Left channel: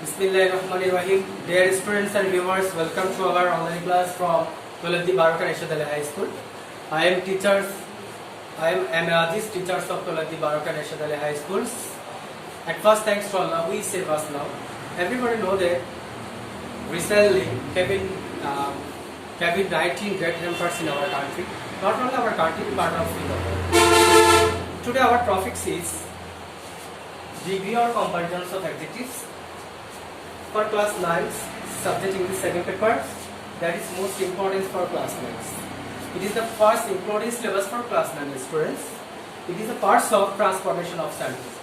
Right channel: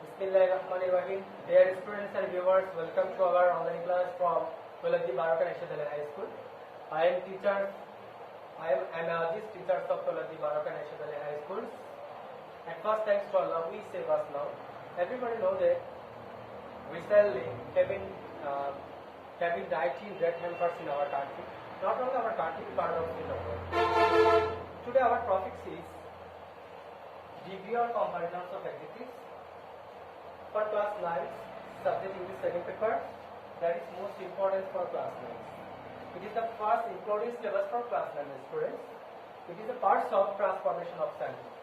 Bismillahirrahmanirrahim. Dear students and viewers, welcome to our online class from Toladdi Baroka Nashad Ali High School. I am Aziz, teachers of Toladdi Baroka Nashad Ali High Schools. At first, thanks to Allah, we save us now. Everybody know that recently COVID-19 great hampers in our country. Not only our country, but also in the world. Today our topic is degree or comparisons of adjectives. For class 9, subject English second paper, that is most important for class 9. It is the first including syllabus for class 9 students. It is the parts of transformation of sentence.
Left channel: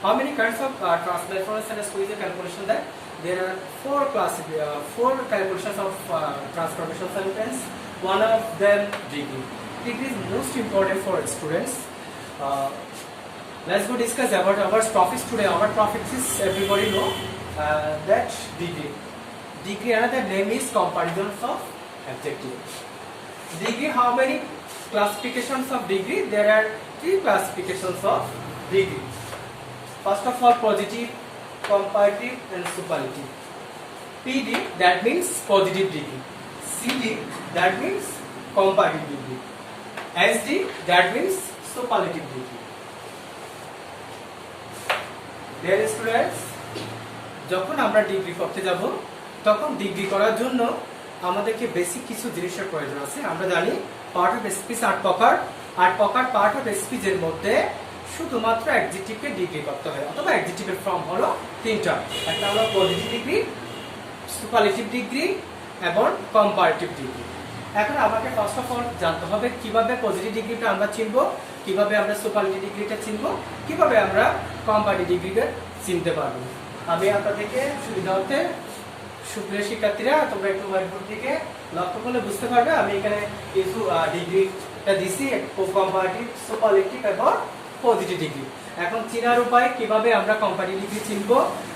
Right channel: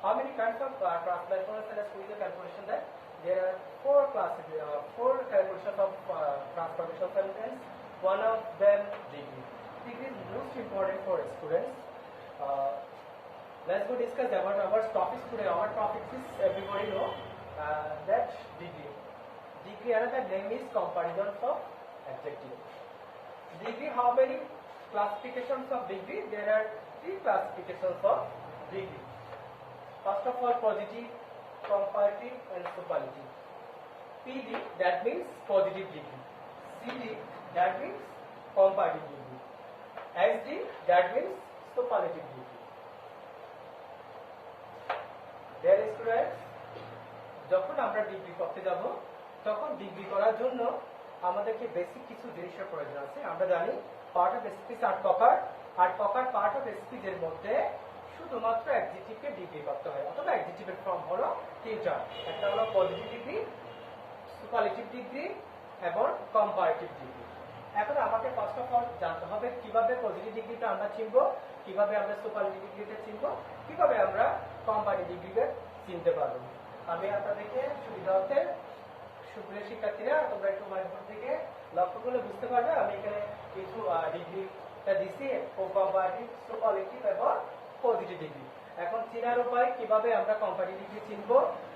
How many kinds of transformation sentence is a calculation that there are four calculations of transformation sentence. One of them degree. Degree is most important for students. Let's go discuss about our topics today. Our topics is everybody know. That degree. Degree, another name is comparisons of adjective. Degree, how many classifications of degree? There are three classifications of degree. First of all, positive, comparative and superlative. PD, that means positive degree. CD, that means comparative degree. SD, that means superlative degree. Dear students, যখন আমরা degree করতে যাব তখন degree করার জন্য আমাদেরকে basic কিছু জিনিসের প্রয়োজন আছে। আমরা জানি পার্ট অফ স্পিচ 8 প্রকার। 8 প্রকার পার্ট অফ স্পিচের মধ্যে শুধুমাত্র অ্যাডজেক্টিভকে ডিগ্রি করতে হয় অথবা অ্যাডজেক্টিভের ফর্ম হলো তিনটা। একটা হলো পজিটিভ ডিগ্রি, সুপারলেটিভ ডিগ্রি এবং কম্পারেটিভ ডিগ্রি। এখন আমাকে ফার্স্ট অফ অল জানতে হবে কিভাবে পজিটিভ ডিগ্রিটা আমরা চিনব, কিভাবে আমরা সুপারলেটিভ ডিগ্রিটা চিনব, কিভাবে আমরা কম্পারেটিভ ডিগ্রিকে চিনতে পারবো। আমি আপনাদেরকে সুবিধার্থে সুপ্রিয় শিক্ষার্থীরা তোমরা একটু হোয়াইটবোর্ড দিকে লক্ষ্য করলে বুঝতে পারবে আমি এখানে কিছু ডিগ্রিটা দিছি, কম্পারেটিভ, সুপারলেটিভ এবং পজিটিভ ডিগ্রি। এখন চেনার উপায় কিভাবে আমরা কম্পারেটিভ ডিগ্রি চিনব,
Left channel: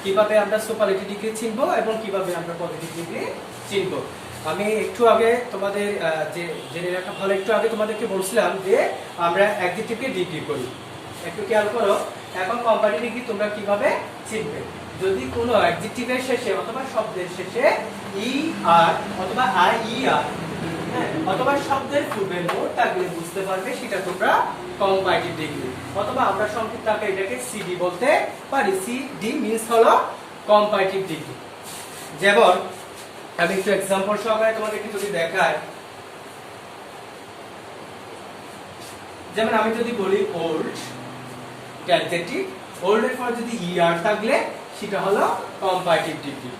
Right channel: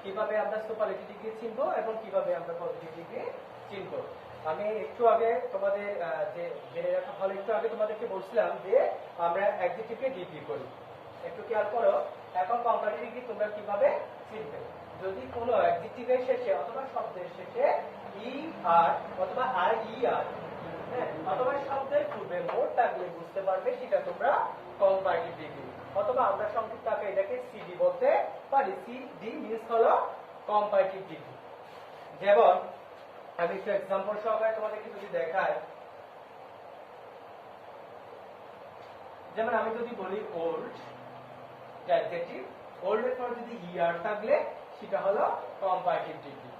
কিভাবে আমরা সুপারলেটিভ ডিগ্রি চিনব এবং কিভাবে আমরা পজিটিভ ডিগ্রি চিনব। আমি একটু আগে তোমাদের জেনে রাখা ভালো, একটু আগে তোমাদেরকে বলছিলাম যে আমরা অ্যাডজেক্টিভকে ডিগ্রি করি। একটু খেয়াল করো, এখন কম্পারেটিভ ডিগ্রি তোমরা কিভাবে চিনবে। যদি কোনো অ্যাডজেক্টিভের শেষে অথবা শব্দের শেষে ই আর অথবা আই ই আর অথবা শব্দের পূর্বে মোট থাকলে বুঝতে পারবে সেটা তোমরা কম্পারেটিভ ডিগ্রি, অথবা আমরা সংক্ষিপ্ত আকারে এটাকে সিডি বলতে পারি। সিডি মিন্স হলো কম্পারেটিভ ডিগ্রি। যেমন আমি একটু एग्जांपल সহকারে তোমাদেরকে যদি দেখাই, যেমন আমি যদি বলি ওল্ড, অ্যাডজেক্টিভ, ওল্ড এর পর যদি ই আর থাকলে সেটা হলো কম্পারেটিভ ডিগ্রি।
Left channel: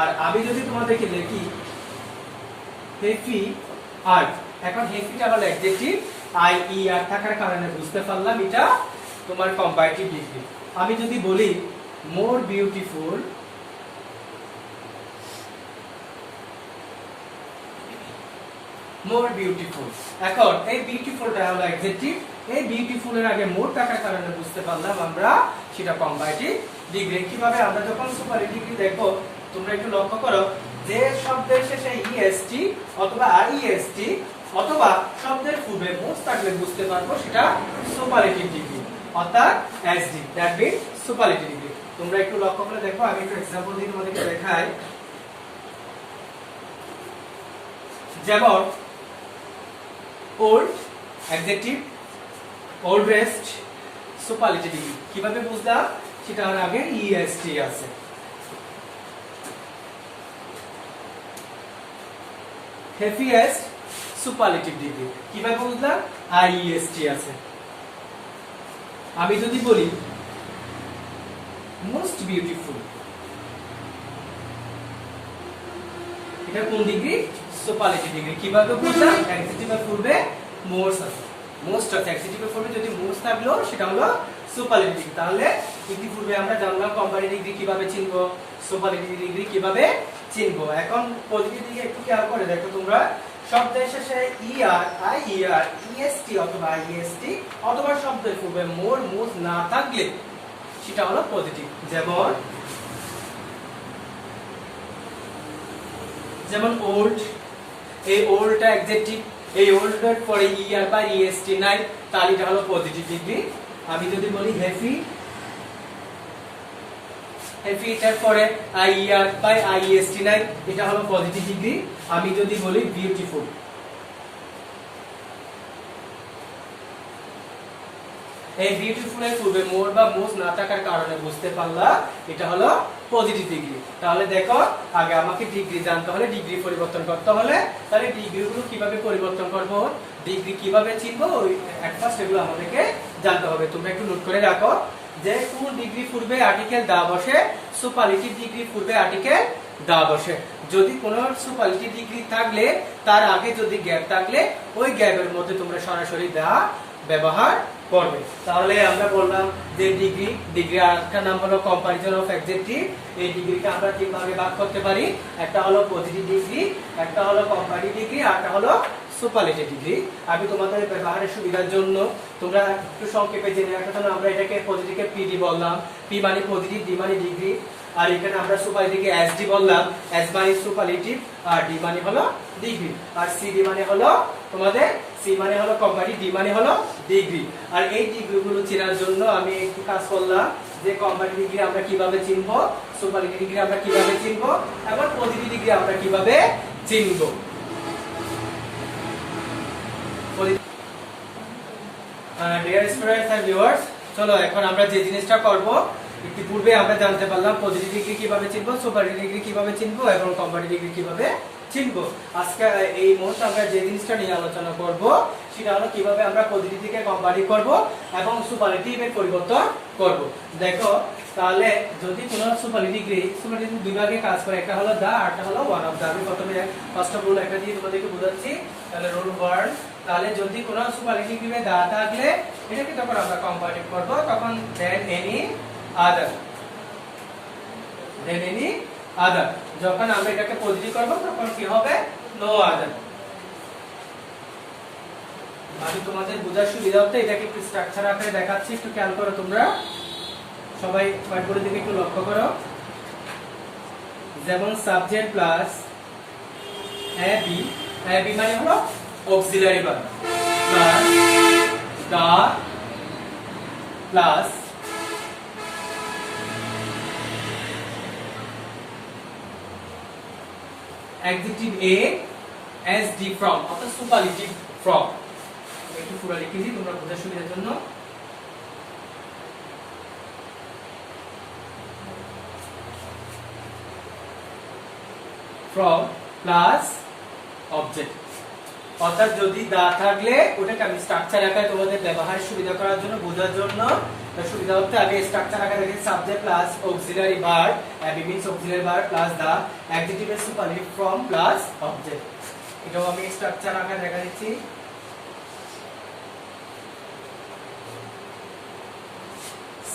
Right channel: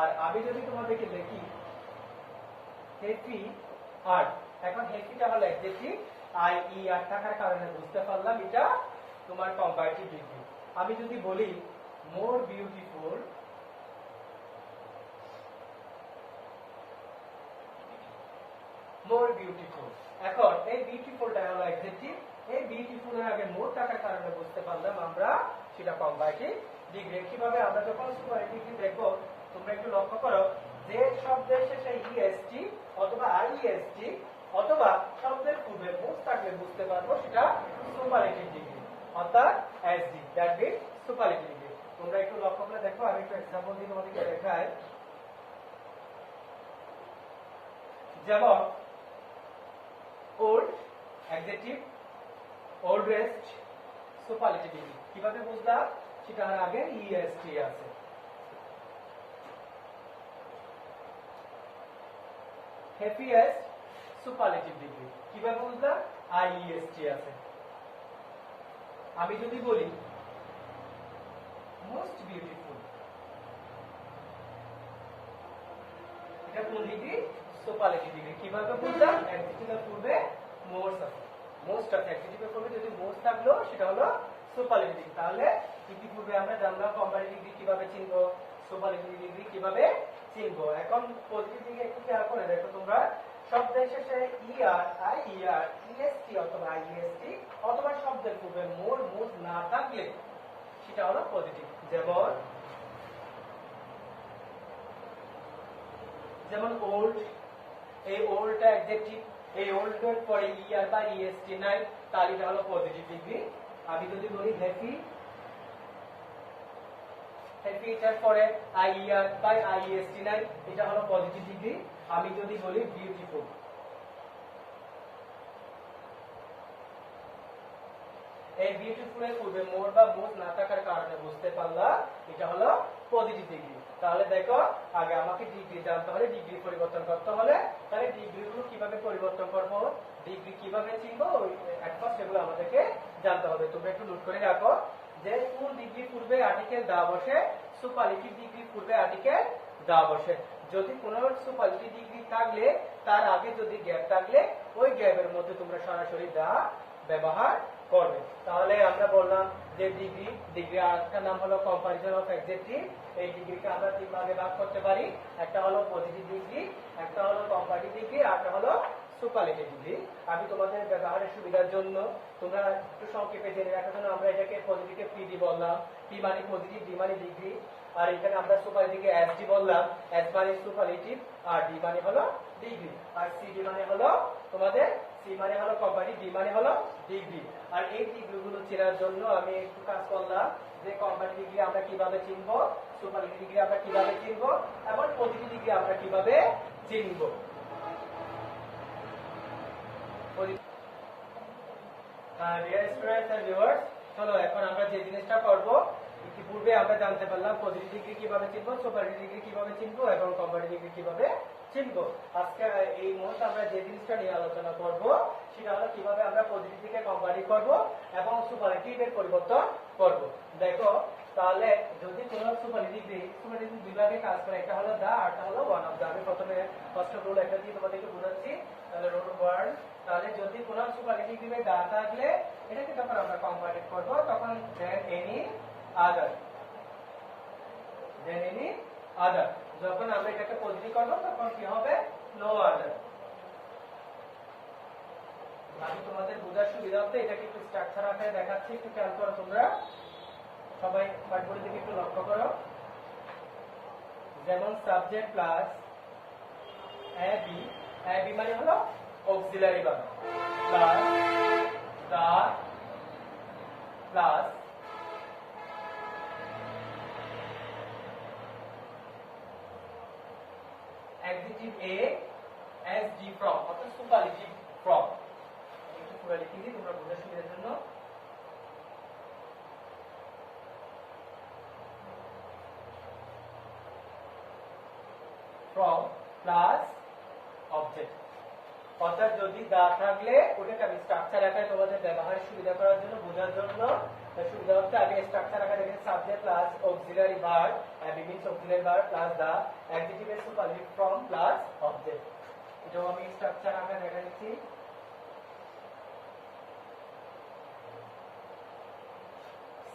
আর আমি যদি তোমাদেরকে লিখি হেফি আর, এখন হেফিটা হলো অ্যাডজেক্টিভ, আই ই আর থাকার কারণে বুঝতে পারলাম এটা তোমার কম্পারেটিভ ডিগ্রি। আমি যদি বলি মোর বিউটিফুল, মোর বিউটিফুল, এখন এই বিউটিফুলটা হলো অ্যাডজেক্টিভ, এই বিউটিফুল এর আগে মোর থাকার কারণে বুঝতে পারলাম আমরা সেটা কম্পারেটিভ ডিগ্রি। কিভাবে আমরা যখন সুপারলেটিভ ডিগ্রি দেখো তোমরা একটু লক্ষ্য করো যে শব্দের শেষে ইএসটি অথবা আইএসটি অথবা শব্দের পূর্বে মোর থাকলে বুঝতে পারবো সেটা সুপারলেটিভ ডিগ্রি অর্থাৎ SD, that means superlative degree. তোমরা একটু লক্ষ্য করে দেখো, আমি একটু एग्जांपल দিয়ে তোমাদেরকে দেখাই। যেমন old adjective, oldest superlative degree. কিভাবে বুঝলাম সেটা আর আগে ইএসটি আছে। হেভিয়েস্ট সুপারলেটিভ ডিগ্রি, কিভাবে বুঝলাম আইএসটি আছে। আমি যদি বলি মোস্ট বিউটিফুল, এটা কোন ডিগ্রি? Superlative degree. কিভাবে বুঝলাম অ্যাডজেক্টিভের পূর্বে মোস্ট আছে, মোস্ট আছে, অ্যাডজেক্টিভের পূর্বে যদি মোস্ট থাকলো সেটা হলো সুপারলেটিভ ডিগ্রি। তাহলে ইতিপূর্বে আমরা জানলাম কম্পারেটিভ ডিগ্রি কিভাবে চিনব, সুপারলেটিভ ডিগ্রি কিভাবে চিনব। এখন পজিটিভ ডিগ্রি একটু খেয়াল করে দেখো তোমরা, শব্দের শেষে ই আর আই ই আর ইএসটি অথবা আইএসটি অথবা শব্দের পূর্বে মোর মোস্ট না থাকলে সেটা হলো পজিটিভ। যেমন ওল্ড, এই ওল্ডটা অ্যাডজেক্টিভ, এই ওল্ড এর পরে ই আর বা ইএসটি নাই, তাহলে এটা হলো পজিটিভ ডিগ্রি। আমি যদি বলি হেভি এটার পরে আইআর বাই আইএসটি নাই, এটা হলো পজিটিভ ডিগ্রি। আমি যদি বলি বিউটিফুল, এই বিউটিফুল এর পূর্বে মোর বা মোজ না থাকার কারণে বুঝতে পারলা এটা হলো পজিটিভ ডিগ্রি। তাহলে দেখো আগে আমাকে ডিগ্রি জানতে হলে, ডিগ্রি পরিবর্তন করতে হলে, তাহলে ডিগ্রিগুলো কিভাবে পরিবর্তন করব, ডিগ্রি কিভাবে চিনবো, ওই এট ফার্স্ট এগুলো আমাদেরকে জানতে হবে। তোমরা একটু নোট করে রাখো যে কোন ডিগ্রি পূর্বে আর্টিকেল দা বসে, সুপারলেটিভ ডিগ্রি পূর্বে আর্টিকেল দা বসে। যদি কোনো সুপারলেটিভ ডিগ্রি থাকলে তার আগে যদি গ্যাপ থাকলে ওই গ্যাপের মধ্যে তোমরা সরাসরি দা ব্যবহার করবে। তাহলে আমরা বললাম যে ডিগ্রি আরেকটা নাম হলো কম্পারিজন অফ অ্যাডজেক্টিভ। এই ডিগ্রিকে আমরা তিন ভাগে ভাগ করতে পারি, একটা হলো পজিটিভ ডিগ্রি, একটা হলো কম্পারেটিভ ডিগ্রি, আর একটা হলো সুপারলেটিভ ডিগ্রি। আমি তোমাদের ব্যবহারের সুবিধার জন্য তোমরা একটু সংক্ষেপে জেনে রাখার জন্য আমরা এটাকে পজিটিভকে পিডি বললাম, পি মানে পজিটিভ, ডি মানে ডিগ্রি, আর এখানে আমরা সুপারলেটিভকে এসডি বললাম, এস মানে সুপারলেটিভ আর ডি মানে হলো ডিগ্রি, আর সিডি মানে হলো তোমাদের সি মানে হলো কম্পারেটিভ, ডি মানে হলো ডিগ্রি। আর এই ডিগ্রিগুলো চেনার জন্য আমি একটু কাজ করলাম যে কম্পারেটিভ ডিগ্রি আমরা কিভাবে চিনবো, সুপারলেটিভ ডিগ্রি আমরা কিভাবে চিনবো, এবং পজিটিভ ডিগ্রি আমরা কিভাবে চিনবো। ডিয়ার স্টুডেন্টস এন্ড ভিউয়ার্স, চলো এখন আমরা যে জিনিসটা করব, ইতিপূর্বে আমরা জানতে পারলাম পজিটিভ ডিগ্রি কিভাবে চিনবো, সুপারলেটিভ ডিগ্রি কিভাবে চিনবো এবং কম্পারেটিভ ডিগ্রি কিভাবে চিনবো। আজকে এই মুহূর্তে আমরা যে জিনিসটা নিয়ে আলোচনা করব সেটা হলো কিভাবে আমরা পজিটিভ থেকে কম্পারেটিভ করব এবং সুপারলেটিভের পরিবর্তন করব। দেখো তাহলে যদি কোনো সুপারলেটিভ দুই ভাগে কাজ করে, একটা হলো দা আর একটা হলো ওয়ান অফ দা। আমি প্রথমে ফার্স্ট অফ রুল একটা দিয়ে তোমাদেরকে বোঝাচ্ছি। তাহলে রুল 1, তাহলে যদি কোনো সুপারলেটিভ ডিগ্রি দা থাকলে এটাকে তখন আমরা কম্পারেটিভ করব, তখন than any other, than any other. যখন আমরা এটাকে পজিটিভ করব তখন কি হবে, নো আদার। আমি তোমাদের বোঝার সুবিধার্থে এটাকে একটু স্ট্রাকচার আকারে দেখাচ্ছি, একটু খেয়াল করো তোমরা সবাই, হোয়াইটবোর্ডের দিকে একটু লক্ষ্য করো। যেমন সাবজেক্ট প্লাস এবি, এবি মানে হলো auxiliary verb, plus the plus adjective a as d from, অর্থাৎ superlative from। একটু পুরো লিখে দিই তোমরা বোঝার সুবিধার জন্য। from plus object, অর্থাৎ যদি দা থাকলে ওটাকে আমি স্ট্রাকচার আকারে তোমাদের ব্যবহারের সুবিধা করার জন্য, বোঝার জন্য সুবিধা হতে আগে স্ট্রাকচার আকারে দেখি subject plus auxiliary verb, AB means auxiliary verb plus the, adjective এর সুপারলেটিভ ফর্ম প্লাস অবজেক্ট। এটাও আমি স্ট্রাকচার আকারে দেখা দিচ্ছি।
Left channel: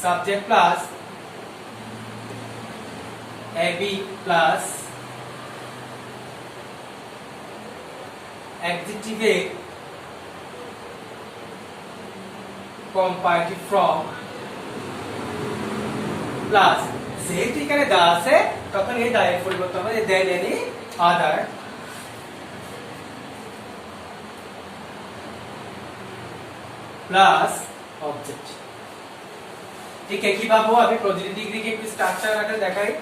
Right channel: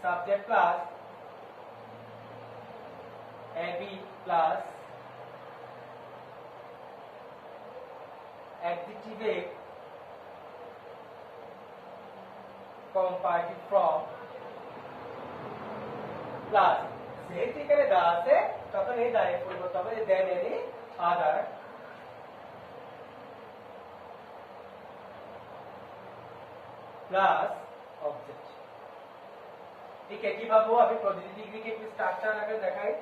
Subject plus AB plus adjective a comparative from plus, যেহেতু এখানে দা আছে তখন এই দা এর পরিবর্তন হবে than any other plus object. ঠিক একইভাবে আমি পজিটিভ ডিগ্রিকে একটু স্ট্রাকচার আকারে দেখাই।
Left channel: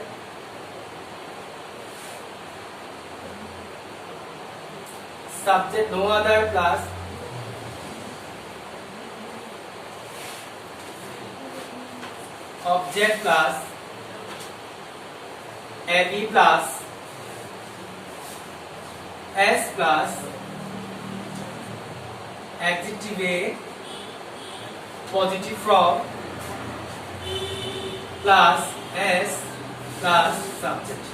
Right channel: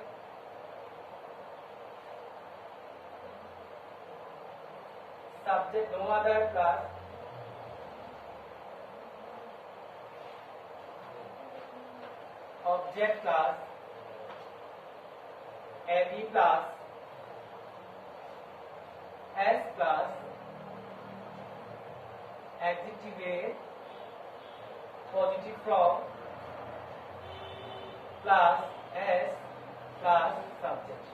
Subject no other plus object plus ab plus s plus adjective a positive from plus s plus subject।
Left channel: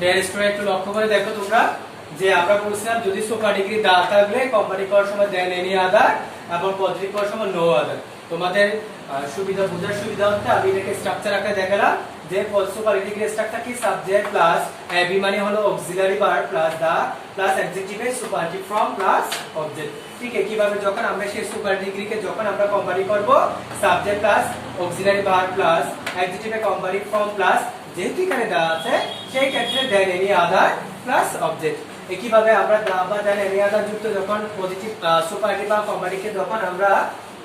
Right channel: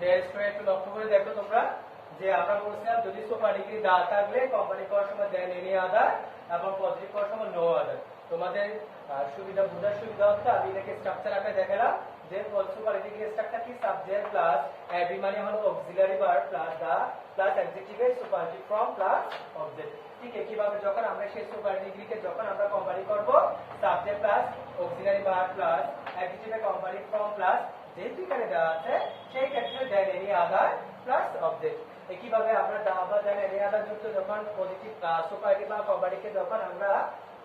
There student একটু লক্ষ্য করে দেখো তোমরা যে আমরা বলছিলাম যদি সুপার ডিগ্রি দা থাকলে কম্পারেটিভ করার সময় দেন এনি আদার এবং পজিটিভ করার সময় নো আদার। তোমাদের সুবিধা বোঝার সুবিধা হতে আমি এটাকে স্ট্রাকচার আকারে দেখালাম যে সুপার ডিগ্রি স্ট্রাকচার কি, সাবজেক্ট প্লাস এবি মানে হলো auxiliary verb plus the plus adjective এর সুপারলেটিভ ফর্ম প্লাস অবজেক্ট। ঠিক একইভাবে যখন আমরা সেই সুপার ডিগ্রিকে যখন আমরা কম্পারেটিভ করব, subject plus auxiliary verb plus adjective এর কম্পারেটিভ ফর্ম প্লাস যেহেতু এখানে দা আছে সেই ক্ষেত্রে than any other plus object. একইভাবে আমরা দা বা দেন এনি আদার যুক্ত যখন পজিটিভ সুপারলেটিভ বা কম্পারেটিভকে যখন আমরা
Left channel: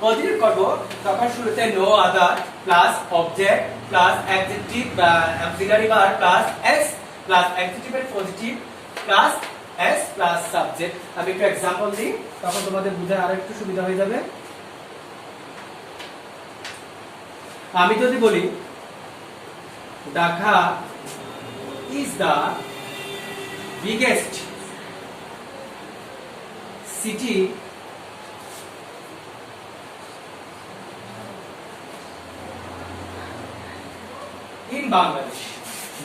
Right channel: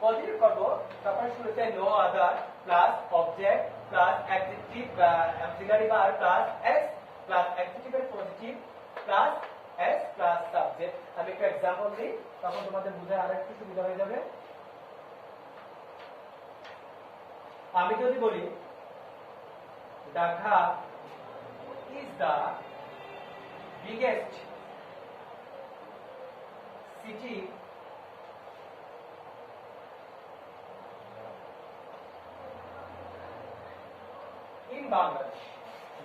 পজিটিভ করব তখন শুরুতে no other plus object plus adjective বা auxiliary verb plus S plus অ্যাডজেক্টিভের positive plus S plus subject. আমি একটু एग्जांपल দিই, তখন তোমাদের বুঝায় আরো একটু সুবিধা হয়ে যাবে। আমি যদি বলি Dhaka is the biggest city in Bangladesh.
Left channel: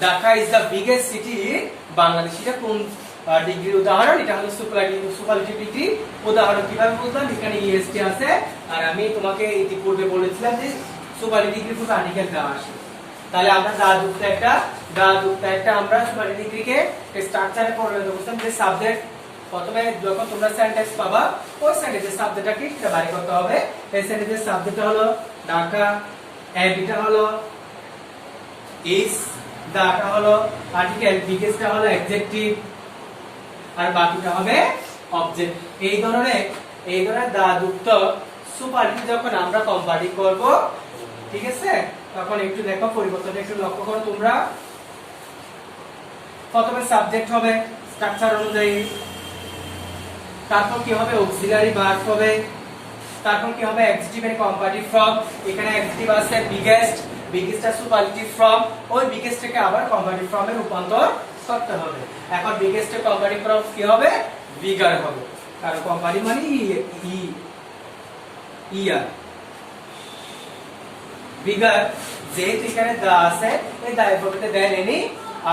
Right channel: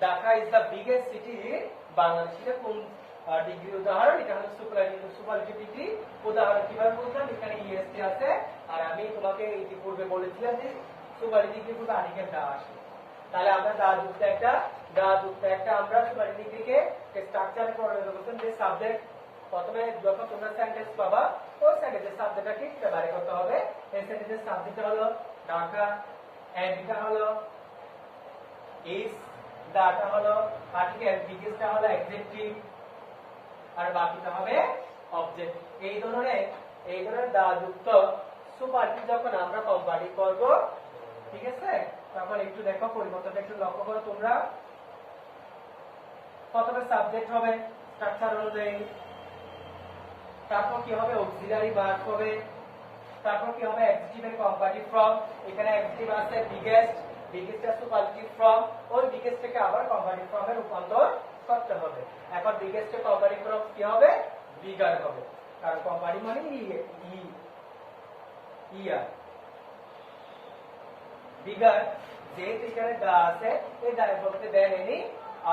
Dhaka is the biggest city in Bangladesh. এটা কোন ডিগ্রির উদাহরণ? এটা হলো সুপারলেটিভ ডিগ্রি উদাহরণ। কিভাবে বুঝলাম? এখানে ইএসটি আছে আর আমি তোমাকে ইতিপূর্বে বলেছিলাম যে সুপারলেটিভ ডিগ্রি পুরো আর্টিকেল দেওয়া আসে। তাহলে আমরা যুক্ত একটা আমরা সুপারলেটিভ ডিগ্রিকে স্ট্রাকচারে পরিণত করতাম যে সাবজেক্ট প্রথমে যখন তোমরা সেন্টেন্স পাবা ওই সেন্টেন্সের সাবজেক্টটা কি সেটা বাইরে করতে হবে। এই সেন্টেন্সের সাবজেক্টটা হলো ঢাকা, এডিটা হলো is, দাটা হলো আর্টিকেল, বিগেস্টটা হলো অ্যাডজেক্টিভ আর বাকিটা হবে অবজেক্ট। এই ধরনের দা যুক্ত সুপারলেটিভ যখন আমরা কম্পারেটিভ করব, ঠিক আছে, তখন একটু দেখো পরিবর্তনটা একটু লক্ষ্য করো তোমরা। প্রথমে সাবজেক্ট হবে স্ট্রাকচার অনুযায়ী, তারপর কি হবে অক্সিলারি ভার্ব হবে, তারপর কি হবে অ্যাডজেক্টিভের কম্পারেটিভ ফর্ম। এখানে অ্যাডজেক্টিভ আছে বিগেস্টটা সুপারলেটিভ ফর্ম, ওই বিগেস্টটাকে আবার কম্পারেটিভ ফর্মে রূপান্তর করতে হবে। এখন বিগেস্টের কম্পারেটিভ ফর্ম কি হবে? বিগার হবে, কারণ কম্পারেটিভ মানে ইয়ার বিগার। যেহেতু এখানে দা আছে এই দা এর পরিবর্তে দেন এনি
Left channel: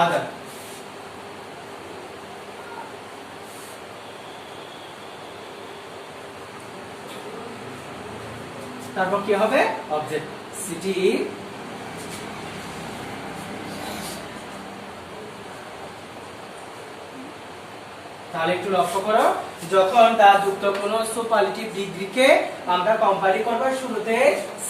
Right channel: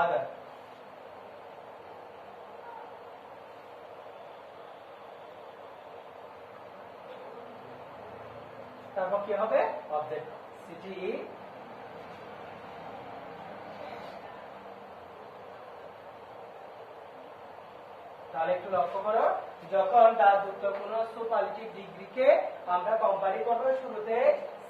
আদার। তারপর কি হবে? Object city. তাহলে একটু লক্ষ্য করো, যখন দা যুক্ত কোনো সুপারলেটিভ ডিগ্রিকে আমরা কম্পারেটিভ করব শুরুতে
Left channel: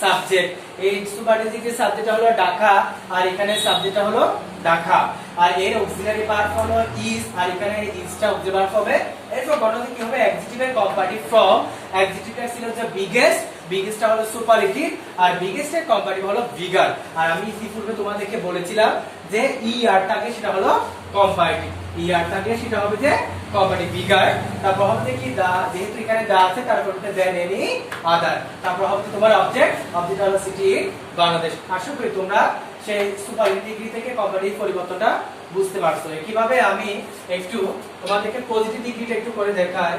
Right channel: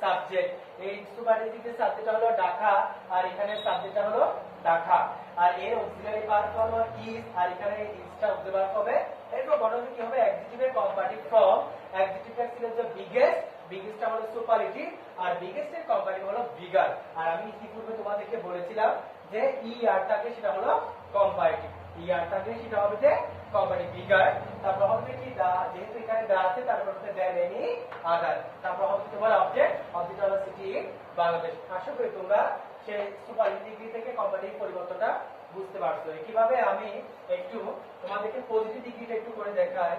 সাবজেক্ট। এই সুপারলেটিভ ডিগ্রির সাবজেক্টটা হলো ঢাকা আর এখানে সাবজেক্টটা হলো ঢাকা, আর এর অক্সিলারি ভার্ব হলো ইজ আর এখানে ইজটা অবজেক্ট ভার্ব হবে। এরপর গণনা কি হবে? অ্যাডজেক্টিভের কম্পারেটিভ ফর্ম। অ্যাডজেক্টিভটা ছিল যে বিগেস্টটা হলো সুপারলেটিভ আর বিগেস্টের কম্পারেটিভ হলো বিগার। আর আমি ইতিপূর্বে তোমাদেরকে বলেছিলাম যে আর থাকে সেটা হলো কম্পারেটিভ, আর থাকে সেটা হবে যে কম্পারেটিভ বিগার। তারপর হবে কি দা, যেহেতু এখানে দা আছে তারপর দেন এনি আদার। তারপর হবে তোমার অবজেক্ট হলো সিটি ইন বাংলাদেশ। আশা করি তোমরা সেই সুপারলেটিভ ডিগ্রি থেকে কম্পারেটিভ পরিবর্তনটা বুঝতে পারছো। কিভাবে আমি একটু তোমাদেরকে পজিটিভ ডিগ্রিটা একটু করে দেখাই।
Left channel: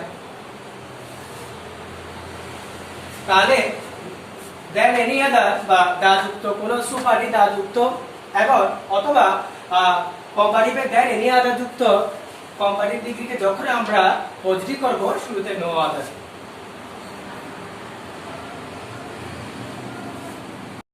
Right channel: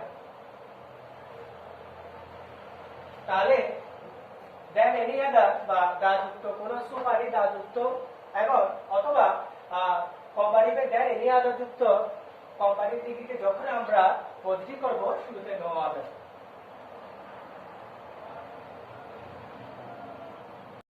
তাহলে দেন এনি আদার বা দা যুক্ত কোন সুপারলেটিভ দা যুক্ত এবং অথবা কম্পারেটিভে দেন এনি আদার যুক্ত কম্পারেটিভ ডিগ্রিকে যখন আমরা পজিটিভ করব শুরুতে নো আদার।